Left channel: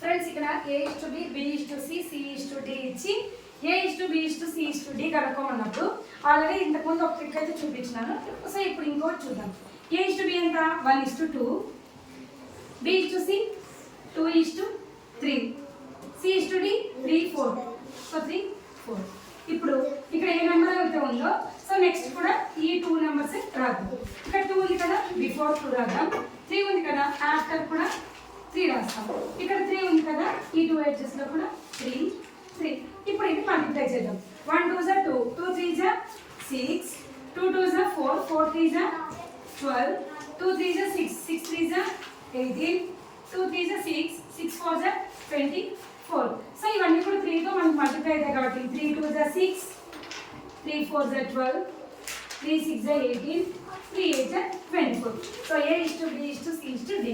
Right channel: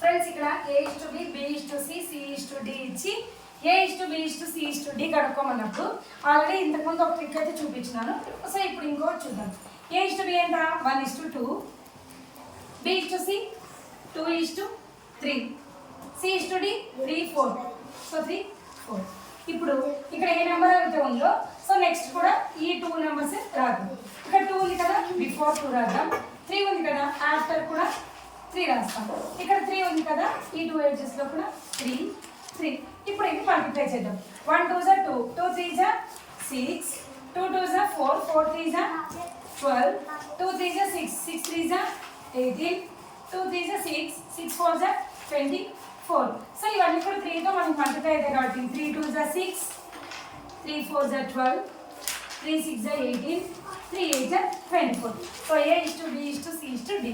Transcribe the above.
Friends ఇక్కడ A:B, B:C, C:D ఇచ్చి A:B, C:D కనుక్కోమన్నప్పుడు already ఇంతకుముందు ఒక ట్రిక్ అయితే చూపించినాను. సో ఇప్పుడు ఇంకోటి చూద్దాం. A:B ఎంత 1:2, B:C 2:3, C:D 3:4. సో 3:4. ఇప్పుడు ఇక్కడ ఏ నెంబర్ అయితే ఉందో సో నెక్స్ట్ కూడా ఈ 2 నెంబర్స్ రాద్దాం. ఇక్కడ 2 ఉంది కదా, బిఫోర్ 2 రాద్దాం. 3 ఉంది కదా, ఆఫ్టర్ కూడా 3 రాస్తాం. ఇక్కడ 3 ఉంది కదా, ఈ 2 ఎడ్జెస్ లో కూడా 3, 3. ఇప్పుడు ఇది మల్టిప్లై చేద్దాం. 1 2 జా 2, 2 3 జా 6, 2 2 జా 4, 4 3 జా 12, 2 3 జా 6, 6 3 జా 18, 2 3 జా 6, 6 4 జా 24. సో ఇవన్నీ కూడా 3 తో మనకి మల్టిప్లై అవుతాయి కాబట్టి 3 2 జా 6, 3 4 జా 12, 3 6 జా 18, 3 8 జా 24. So A:B, C:D.